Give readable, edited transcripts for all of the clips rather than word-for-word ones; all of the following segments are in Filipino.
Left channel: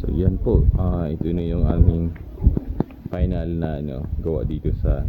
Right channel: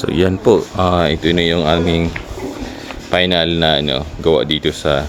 So yan po, ito na yung aming final na gawa dito sa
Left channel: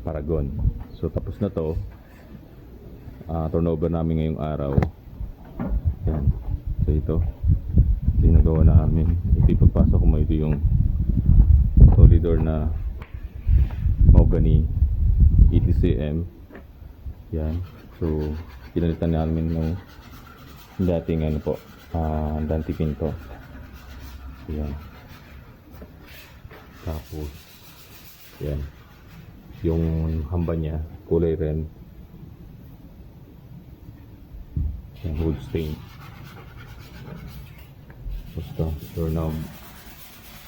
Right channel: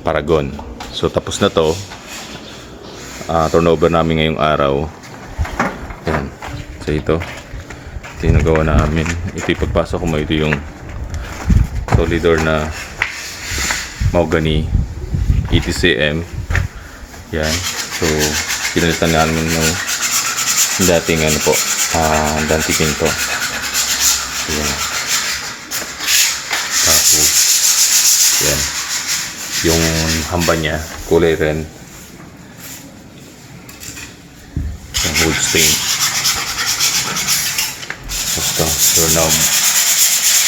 Paragon. So tapos na to, turnover namin ngayong araw. Yan. So ito yung nagawa namin. Ito yung pagpasok ko mo, ito yung solid door na mahogany 80 cm. Yan. So pinalitan namin ng dating dating pinto. Yan. Tapos yan, yung hamba niya kulay red, yung wood stain. Tapos ito doorknob,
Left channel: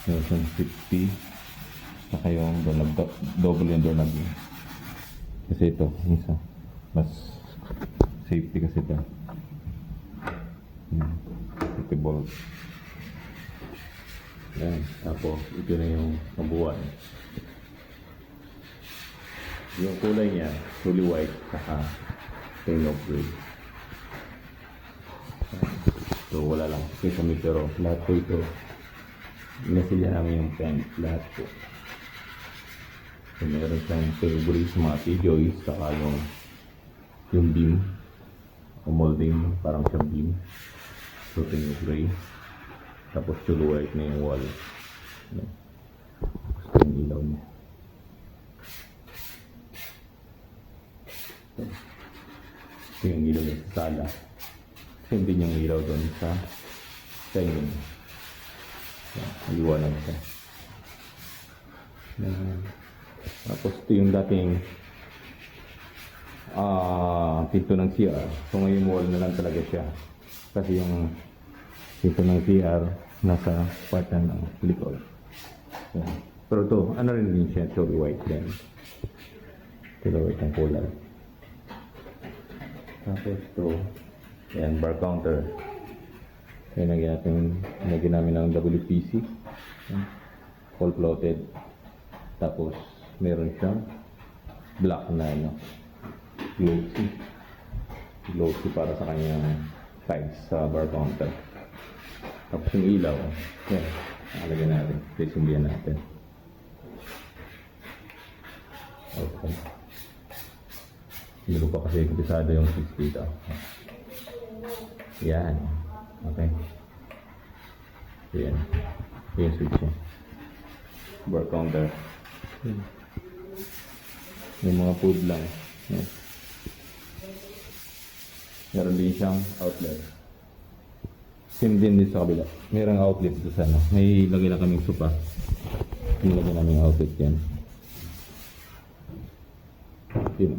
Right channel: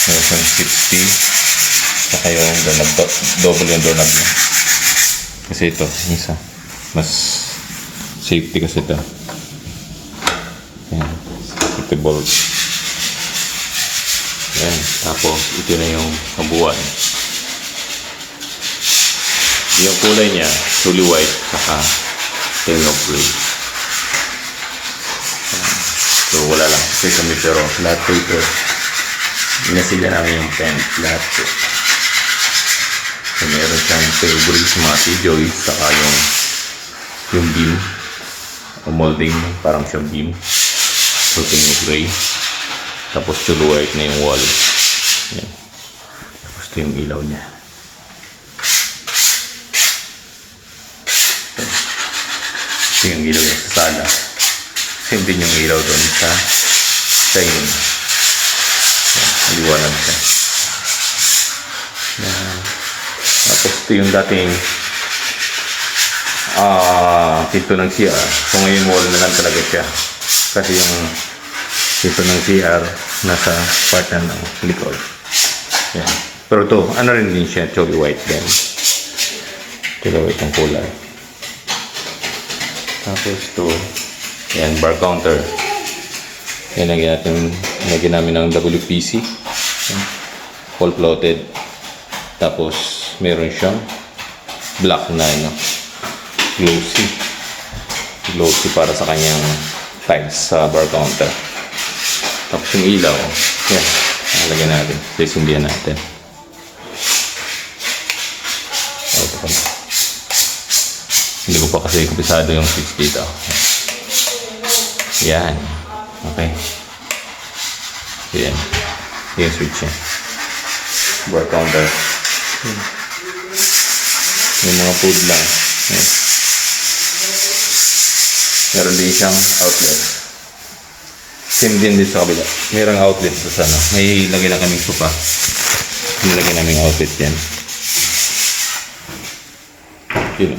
meron siyang 60, saka yung doorknob, double yung doorknob niya kasi ito isa mas safety kasi ito. Yan, ito bolt. Yan, tapos ito na yung kabuuan. Yung kulay niya fully white saka tilno gray. So wala lang kasi kami, pero lahat po ito inasilya namin yung paint lahat po. So meron siyang fabric mga joist saka yung beam o molding, parang siyang beam. So tilno gray, tapos fully white na yung wall. Yan. Tapos ito yung ilaw niya. Ito yung ilaw niya sa sala. Same din yung ilaw doon sa dining. Maliwanag siya. Yan. Tapos ito yung dating pinto ng CR. So ngayon wall na lang talaga siya. Kasi yung pinto ng CR nasa part na ng likod. Yan. Pero ito, ano rin din siya, chocolate white din. Chocolate white ang kulay. Tapos ito, yan, bar counter. Yan, lagyan namin ng WPC. Yan. Full floated. Tapos, meron siyang black na, glossy. Glossy para sa kanyang tiles sa bar counter. Tapos yung ilaw, yan, lagyan natin. Sisindihan natin. Okay. Hindi ko pa kasi kumpisado yung switch dito. Yan. Okay. Yan. Yung switch niya. Bar counter. Yung mga food lang. Yan. Meron din siyang outlet. Same din dito sa kabila. Mayroong outlet sa sana. May lagay na kaming sopa. Nilagay namin outlet yan. Yun.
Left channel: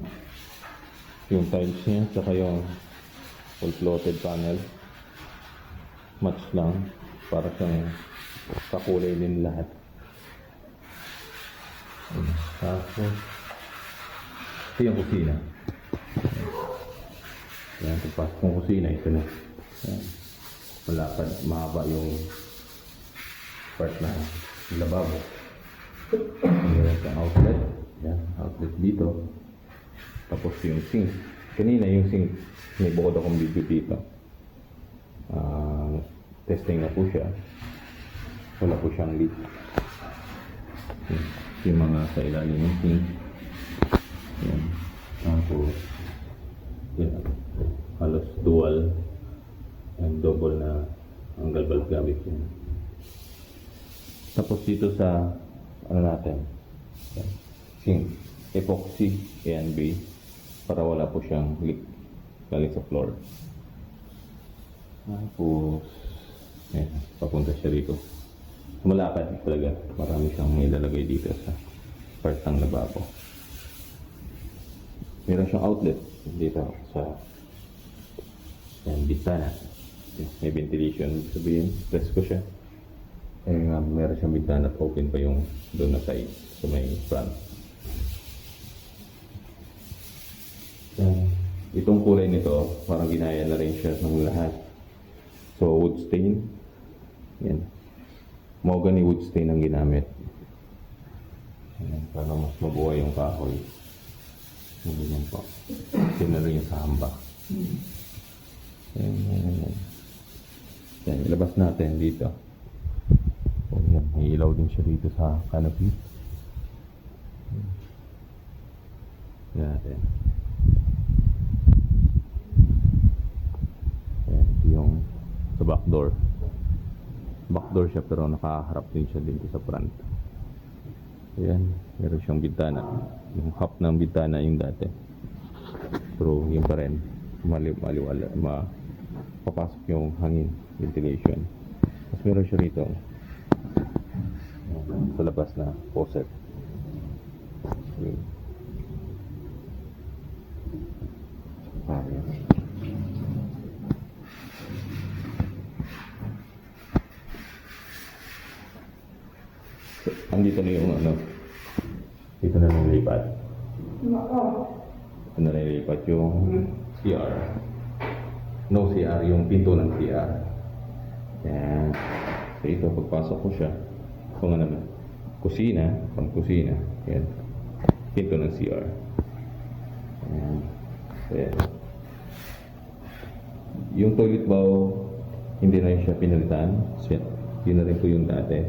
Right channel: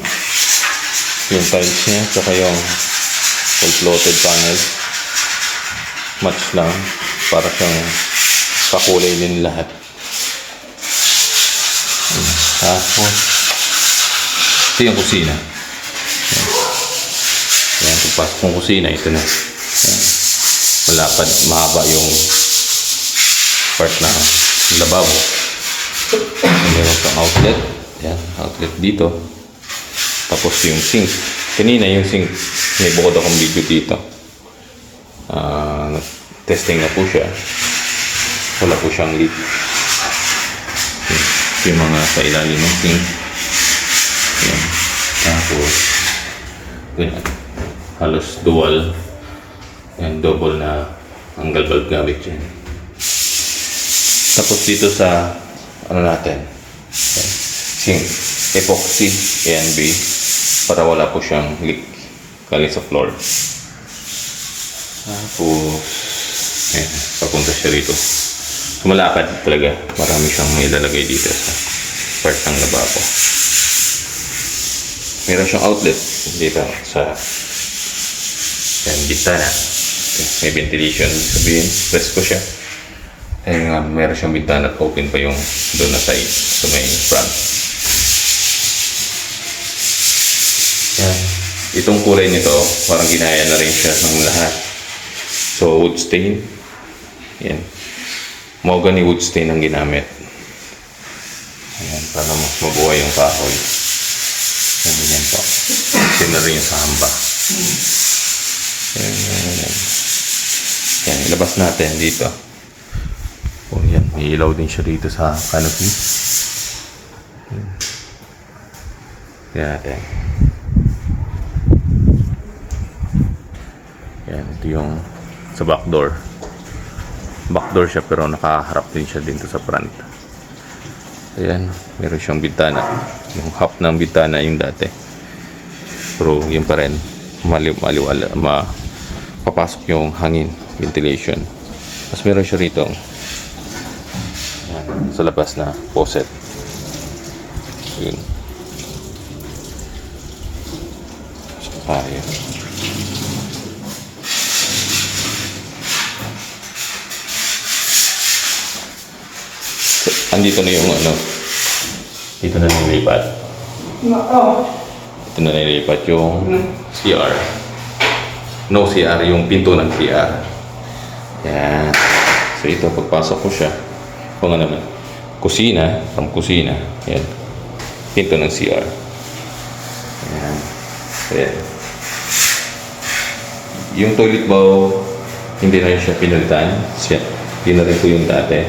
Yung tiles niya, saka yung full floated panel. Match lang. Para siyang kakulay din lahat. Tapos, ito yung kusina. Yan, pagpasok ng kusina, ito na. Yan. Malapad, mahaba yung part na lababo. Meron pang outlet. Yan, outlet dito. Tapos yung sink. Kanina yung sink, may bukod akong video dito. Testing na po siya. Wala po siyang leak. Yung mga sa ilalim ng sink. Yan. Tapos, ganyan. Halos dual. Yan, double na angle bulb gamit yan. Tapos dito sa natin, sink, epoxy ANB para wala po siyang leak galing sa floor. Tapos ayan, papunta siya rito. Malakad talaga, marami siyang may lalagay dito sa part ng lababo. Meron siyang outlet dito sa bintana. May ventilation, sabihin presko siya. Meron siyang bintana at open pa yung doon na side sa may front. Yan. Itong kulay nito, parang ginaya na rin siya ng lahat. So, wood stain. Yan. Mahogany wood stain ang ginamit. Ayan, para mas mabuhay yung kahoy. Yan po. Sino rin yung sa hamba. Ayan. Yan, ilabas natin dito. Oh, yan. May ilaw din siya dito sa canopy. Yan natin. Yan, ito yung sa back door. Back door siya pero nakaharap din siya dito sa front. Ayan, meron siyang bintana. Yung half ng bintana yung dati. Pero yun pa rin, papasok yung hangin, ventilation. Tapos meron siya rito sa labas na faucet. Yun. Ayan. So, andito na yung ano, dito na nilipat. Ito na nilipat yung CR. No CR, yung pinto ng CR. Yan. So ito, pagpasok ko siya, kung ano naman, kusina, from kusina, yan. Pinto ng CR. Yan. So yan. Yung toilet bowl, hindi na siya pinalitan. Hindi na rin po yung dati.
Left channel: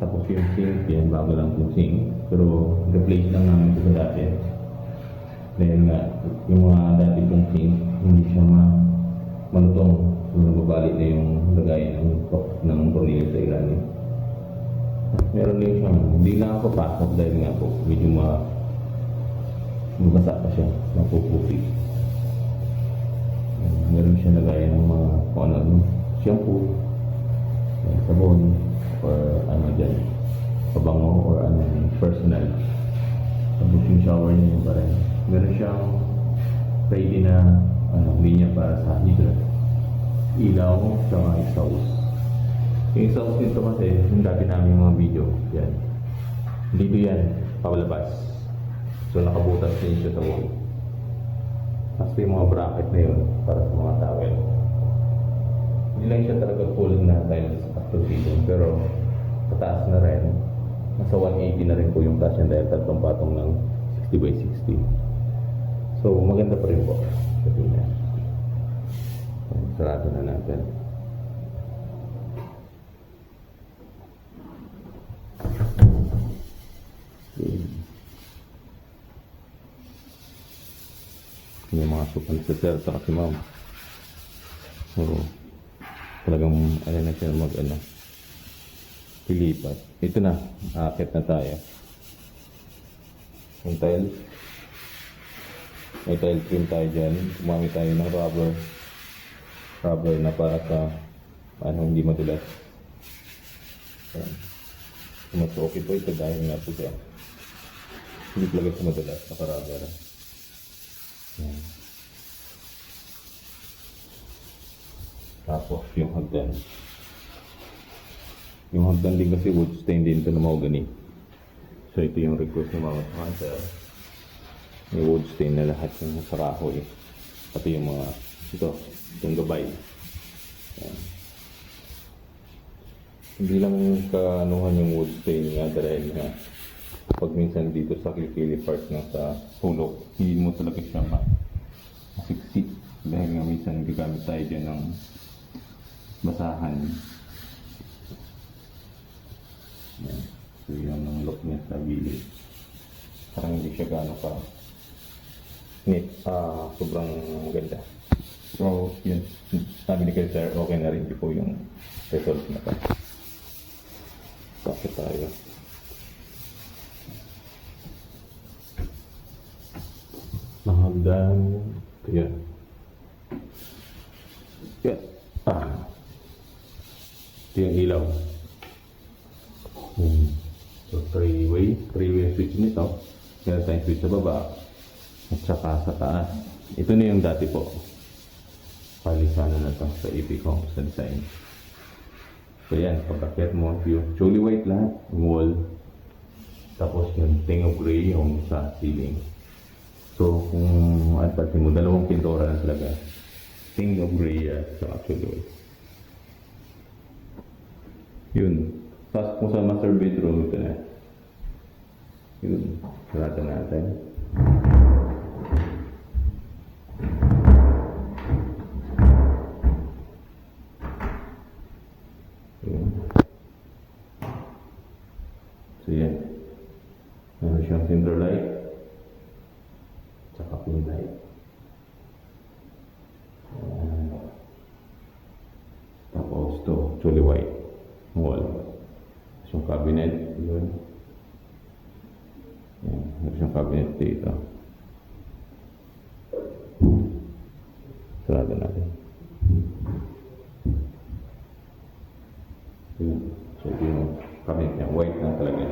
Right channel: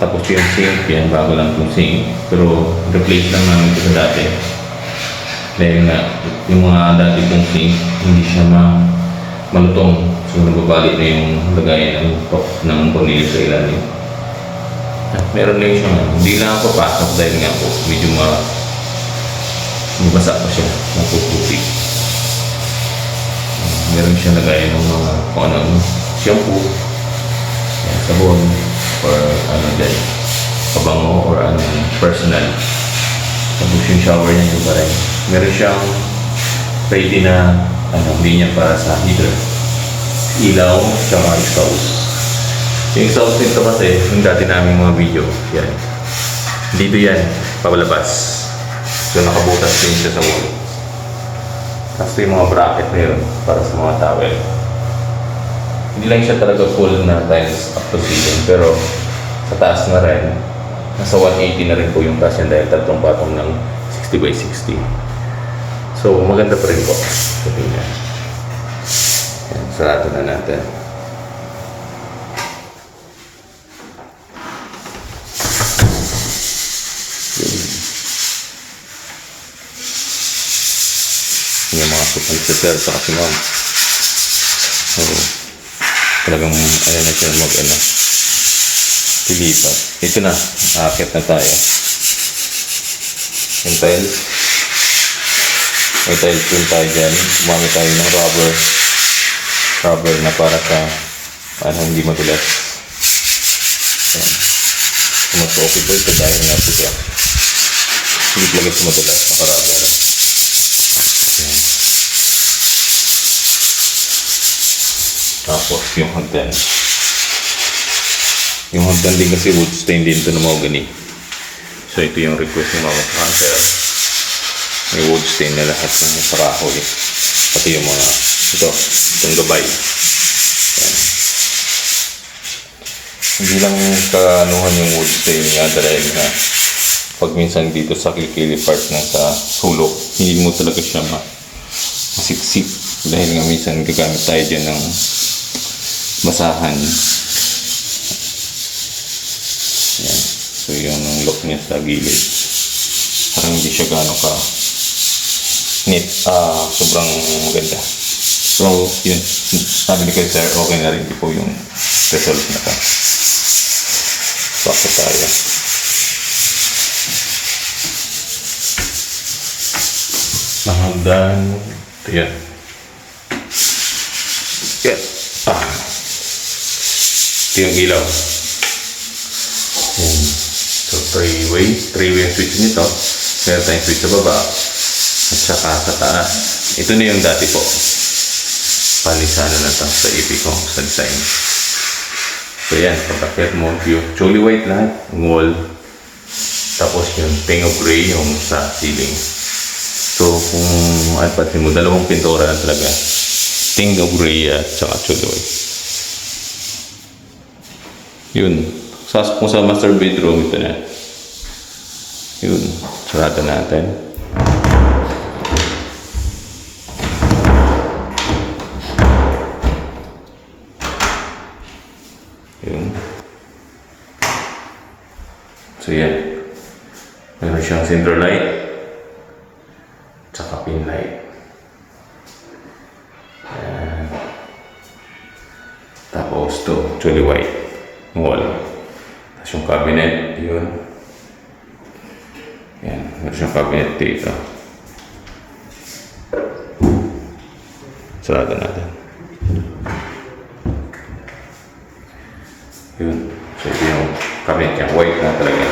Tapos yung sink, yan, bago lang yung sink. Pero replace lang namin ito sa dati. Dahil nga, yung mga dati pong sink, hindi siya malutong. So nagbabalik na yung lagayan ng tornilyo sa ilalim. At meron lang siyang, hindi lang ako papasok dahil nga po, medyo mabasa pa siya, mapuputik. Meron siya lagayan ng mga kung ano, shampoo, sabon, or ano dyan, pabango or ano, personal. Tapos yung shower niya yung parang meron siyang ready na linya para sa heater, ilaw, tsaka exhaust. Yung exhaust nito kasi yung dati namin mga video, yan dito yan, pawalabas. So nakabutas din siya sa wall. Tapos yung mga bracket na yun para sa mga towel. Hindi lang siya talaga full na tiles up to ceiling, pero sa taas na rin, nasa 180 na rin po yung taas yan dahil tatlong patong ng 60 by 60. So maganda pa rin po sa tingnan. Yan, sarado na natin. Yung mga supang sa kasi ma'am. So, talagang ano na siya pilipat. Ito na, aakit na tayo. Yung tiles. May tiles rin tayo dyan. Gumamit tayo ng rubber na para sa hindi madulas. Ayan. Mas okay po ito dahil nga po siya. Hindi talaga siya madulas, naka-rubber. Ayan. Tapos yung hagdan. Yung hagdan din kasi wood stain din ito na mahogany. So ito yung request ng mga cancer. May wood stain na lahat ng kahoy. Pati yung mga itong gabay. Ayan. Hindi lang kaanuhan yung wood stain nga dahil na pag minsan dito sa kilikili part na sa sulok, hindi mo talaga siya masiksik dahil nga minsan gagamit tayo dyan ng basahan. Yan. So yung look niya sa gilid parang hindi siya gano'n ka neat, sobrang maganda. So yun, sabi ni kayo sir, okay na rin po yung result na ito. Bakit tayo mahagdan ito yan. Yan. Ito yung ilaw. Yan. So, three-way yung switch nito. Meron tayong switch sa baba at saka sa taas. Ito na yung dati po. Palisana na ito sa EP ko sa design. So, yan. Pagkakit mo, yung choly white lahat, yung wall. Tapos yung pink of gray yung sa ceiling. So, kung pansin mo, dalawang pintura na talaga. Pink of gray at saka choly white. Yun. Kung sa master bedroom, ito na. Yun. Sarado natin. So yan. Meron siyang center light. Tsaka pin light. Yan. Tapos to, actually white. Wall. Tapos yung cabinet, yun. Yan. Meron siyang cabinet dito. Sarado natin. Yun. So ito yung cabinet niya. White na talaga.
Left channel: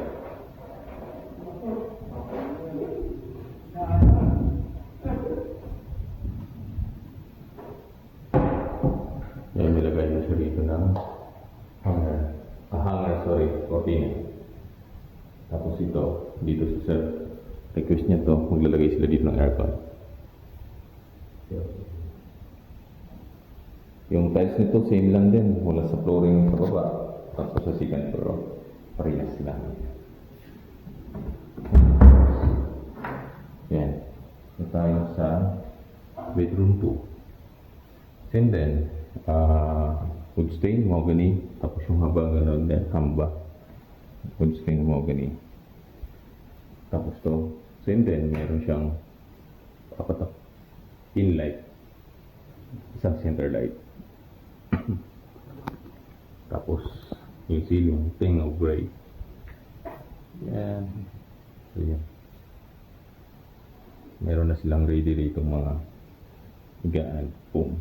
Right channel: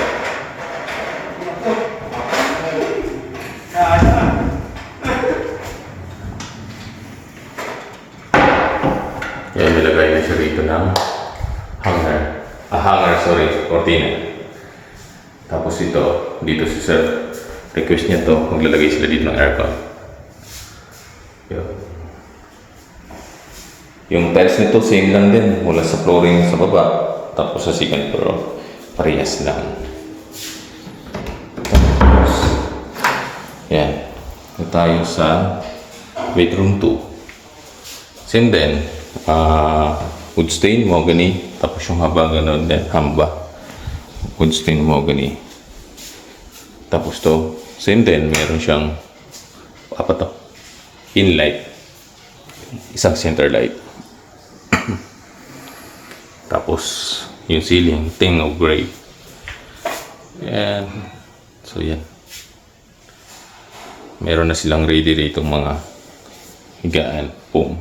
Kaya nilagay na siya rito ng hanger. Cortina. Tapos ito, dito si sir. Request niya to, maglalagay sila dito ng aircon. Yun. Yung tiles nito, same lang din. Mula sa flooring sa baba. Tapos sa second floor, parehas lang. Tapos, yan. Ito tayo sa bedroom 2. Same din. Wood stain, mahogany. Tapos yung haba gano'n din, hamba. Wood stain, mahogany. Tapos to, same din. Meron siyang apat na pin light. Isang center light. Tapos, yung ceiling, tin of gray. Yan. So, yan. Meron na silang ready rito mga higaan, foam.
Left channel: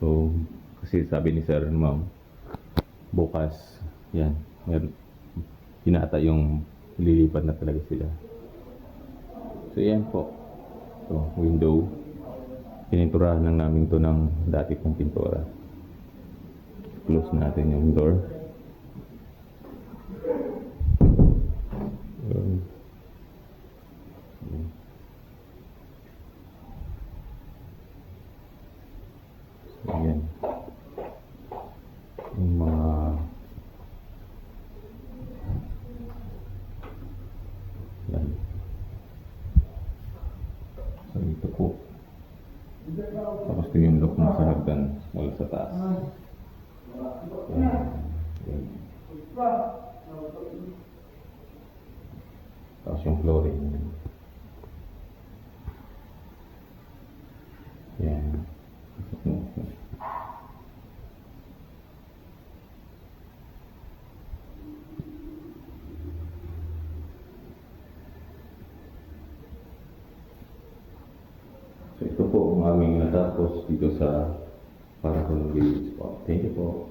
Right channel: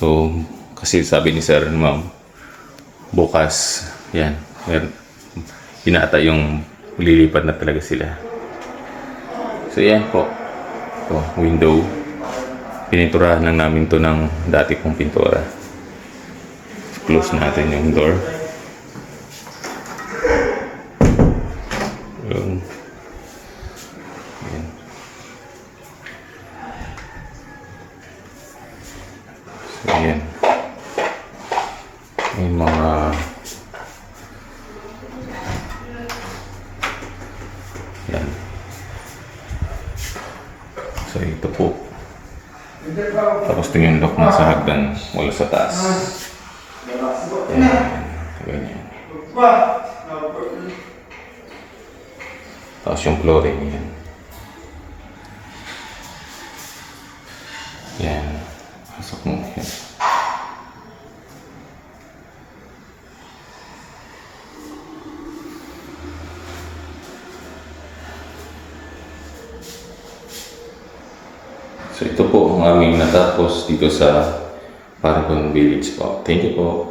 So, kasi sabi ni sir, ma'am, bukas, yan, pinata yung lilipat na talaga sila. So, yan po. Ito, window. Pininturahan lang namin to ng dati kong pintura. Close natin yung door. Yun. Yan. So, yan. May mga yan. So, ito po. Tapos ito yung lock na sa hagdan wala sa taas. Yan. Ganyan. Tapos yung flooring yan. Yan. Pasok mo yan. So ito po ang aming natapos dito sa Paragon Village po. Thank you po.